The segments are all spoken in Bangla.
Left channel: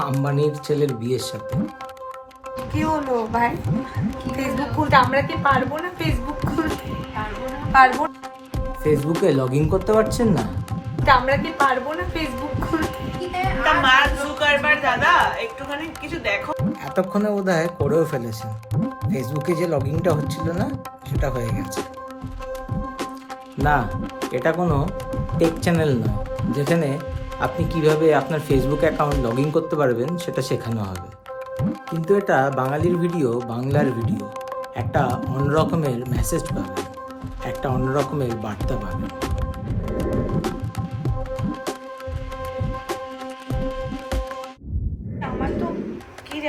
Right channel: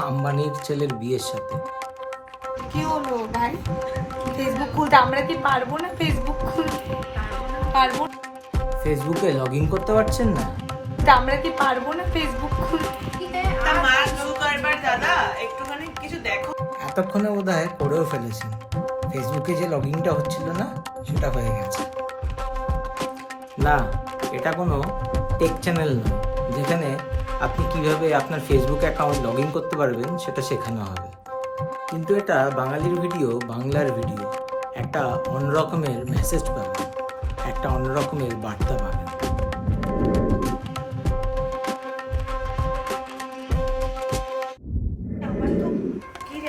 আম্বানির ছেলের বিয়ের সাথে। কি হলো ভাই? ফেসবুক খুলতে আমরা কি পারবো না? ফেসবুক খুলতে পারবো না? ফেসবুকে লগ ইন করতে পারছেন না? আমরা কি পারবো না ফেসবুক খুলতে? তা মার্ক জুকারবার্গ দাদা একটুখানি কিছু দেখো। এতক্ষণে বোধহয় করেও ফেলেছেন। ফেসবুকে যে লগ ইনটা হচ্ছিল না সেটা হয়ে গেছে। না, এটা কোনো টেক চ্যানেল নয় যেখানে আপনি কিভাবে আপনার ফেসবুক অ্যাকাউন্ট লগ ইন করতে পারবেন সেটা শেখানো হবে। কিন্তু এটা বাঙালির ভিডিও, বাংলার ভিডিও। একটা অন্যরকমের মেসেজ পাবেন, একটা অন্যরকমের বার্তা পাবেন।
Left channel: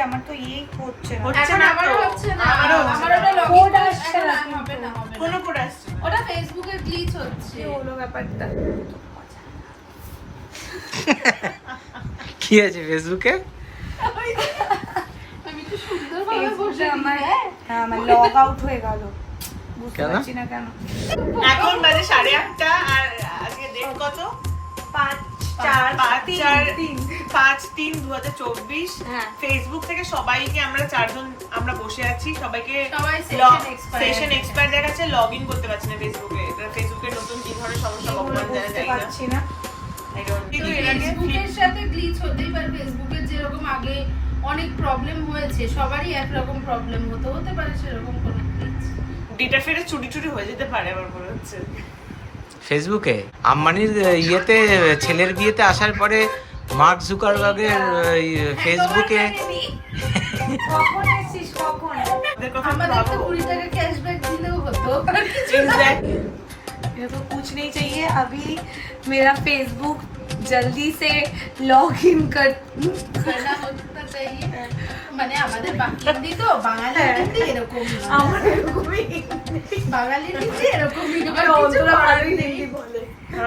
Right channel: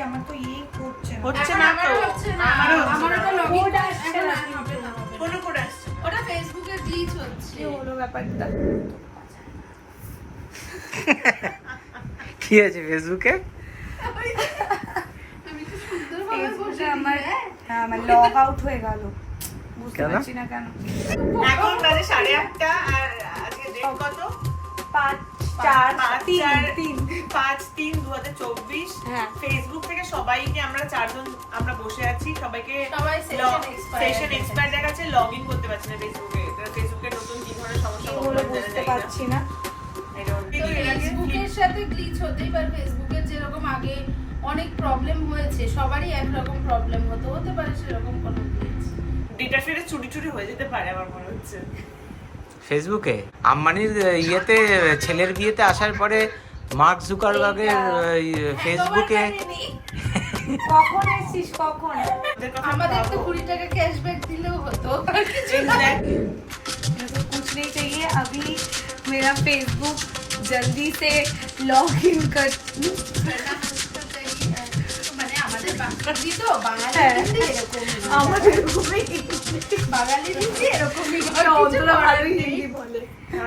আমার তো হচ্ছে হচ্ছে না তো, আমারও আমার ওটা লগইন আসছে না, হবে না। কোনো করে আসছে। ওটা ফেসবুকে গ্লিচ হচ্ছে। হলো ব্যাপারটা। কি আছে ফেসবুকে? আমি কি সুন্দরভাবে ফেসবুকে বসে আমার লগ আউট হয়ে গেল। বুঝতে কেন? পারছি না কেন। এখন বাজে 8:30 আর আজকে ডেট কত? 5/3/2024। হ্যাঁ। ফেসবুক থেকে সবাইকে আমরা 4 জন আমরা বসে আছি, সবাইকে সবাই session expire সেশন আছে। এক্সপায়ার দেখাচ্ছে, লগ ইন করতে পারছি না ফেসবুকে। এটা ফেসবুকের নতুন কি ধরনের সমস্যা ভগবান জানে, বুঝতে জানি না। পারছি না। I don't- কিন্তু এর আগে ফেসবুকের সাথে গ্লিচ হতেই পারে। ফেসবুকের যেরকম আগে অনেক প্রবলেম হয়েছে, সবারই একরকম প্রবলেম হতে পারে সেরকম কোনো গ্লিচ। ডেটা ফেরে চুরি চুরি হয়ে যেতে পারে আমার মনে হচ্ছে। ফেসবুকে আম্বানির ইয়েতে ছেলের বিয়েতে আসার পরে মার্ক জুকারবার্গের ফেসবুকে কখন এসেছিস কখন? ওদের কথা আমাদের তো ভাবো। 20 টাকা ক্যাশব্যাক দিলেও হতো। Exactly. मेरे को कुछ नहीं चाहिए अभी। मेरा फेसबुक जल्दी से लॉग इन कर। না, হতে চাইয়ে। মানে আমাদের বাঙালি তো, বাঙালি হিন্দি এরকমই। বাঙালি হিন্দি এরকমই, আর কিছু করার নেই।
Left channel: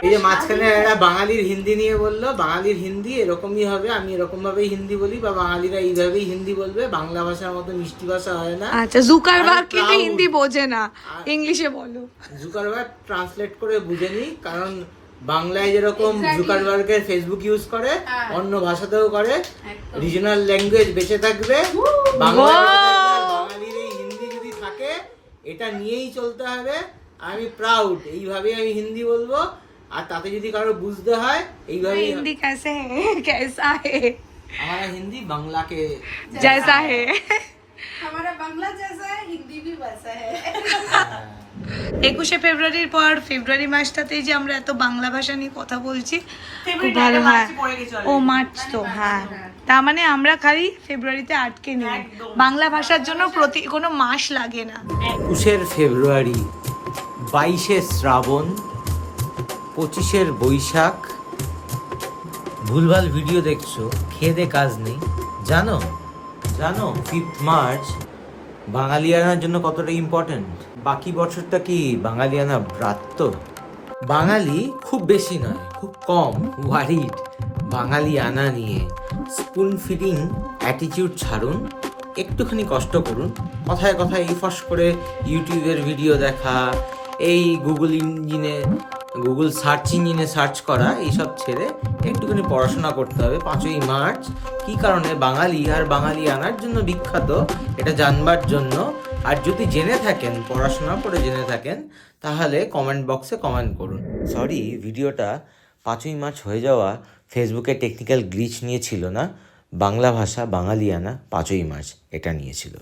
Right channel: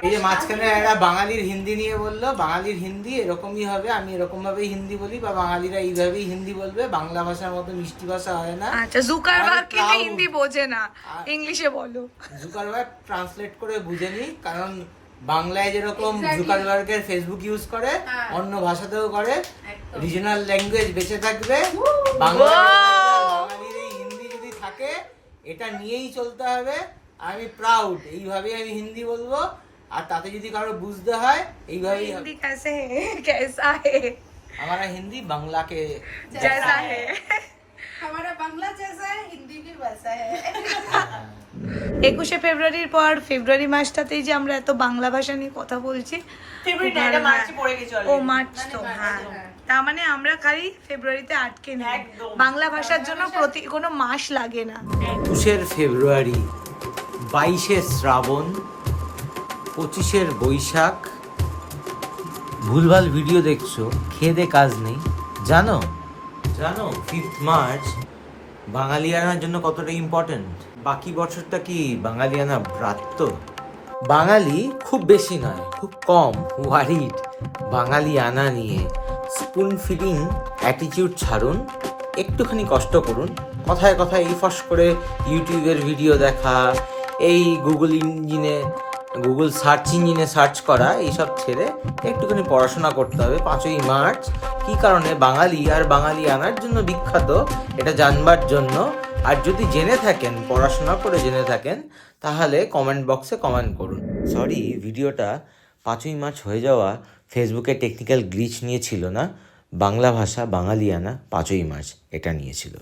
এই যে মাঝখানে এরা বাঙালির হিন্দি নিয়ে বললো, বাঙালির হিন্দি এরকমই হবে, আমি এরকম ভাবেই হিন্দি বলি, বা বাঙালিরা এইভাবেই হিন্দি বলবে, বাংলা ভাষার মতো মিষ্টি ভাষা হয় না। আচ্ছা জুকারবার্গ আর কিন্তু proud। হিন্দি বোঝে না, ইংলিশে বলো। জুকারবার্গ ট্রান্সলেট করে বুঝেনি, কারণ বাংলায় যেরকম জুকারবার্গের ফেসবুক ইউজ করে অন্য ভাষাতেও করে, রিজনাল ল্যাঙ্গুয়েজ বেঁচে থাকবে, বাংলা বেঁচে থাকবে, আর বাঙালির এই হিন্দি যদি থাকে এটা নিয়েই চলতে হবে। আমি প্রাউড, এইভাবেই আমি হিন্দি বলবো, আর তাতে যদি কারো বুঝতে হয় এইভাবেই हिंदी कैसे है, कैसा है, हमारा हिंदी बांग्ला के जैसा है। हमारा बांग्ला जैसा है, हिंदी भी वैसा है। 21শে ফেব্রুয়ারির পর ফেব্রুয়ারি মাসটাতেই যে আমরা এত বাংলা ভাষা নিয়ে কথা বলছি, খুব ভালো হয়। ও মার্চ তো, হ্যাঁ, তার মানে আমরা খালি ফেব্রুয়ারিতে আটকে নেই। বাংলা ভাষার জন্য কোনো মাস লাগে না। 21শে ফেব্রুয়ারি, 22শে শ্রাবণ, 25শে বৈশাখ। ভুলভাল ভিডিও দেখছো, খেয়ে দে কাজ নেই। জানো 5th মার্চ বাঙালিয়ানার জন্য কতটা ইম্পর্টেন্ট। বাকি বছরটা কি বাঙালিয়ানা ব্রাত্য? বাঙালি খুব বেশি নয়, খুব কম ওয়ারিড বাঙালিয়ানা নিয়ে। স্পুন ফিডিং অ্যাটিটিউড ছাড়ুন, একটুখানি কষ্ট করুন। কথায় কথায় এই ফস করে ইউটিউবের ভিডিও দেখা, এই গুগল সার্চ ইঞ্জিনে সার্চ করা, এইসব ছেড়ে একটুখানি পড়াশোনা করতে হবে। 5ই মার্চ কী কারণে বাঙালি আর বাঙালি আনার জন্য বিখ্যাত, এটা জানবার জন্য। আর যদি জেনে থাকেন, পড়াশোনা করে জেনে থাকেন, তাহলে কমেন্ট বক্সে কমেন্ট করুন। সরি, ভিডিওটা 5ই মার্চ হয়ে যাওয়া ফেসবুকে টেকনিক্যাল গ্লিচ নিয়ে ছিল না, বাংলা ভাষা বাঙালিয়ানা 5ই মার্চ এটা নিয়েছিল।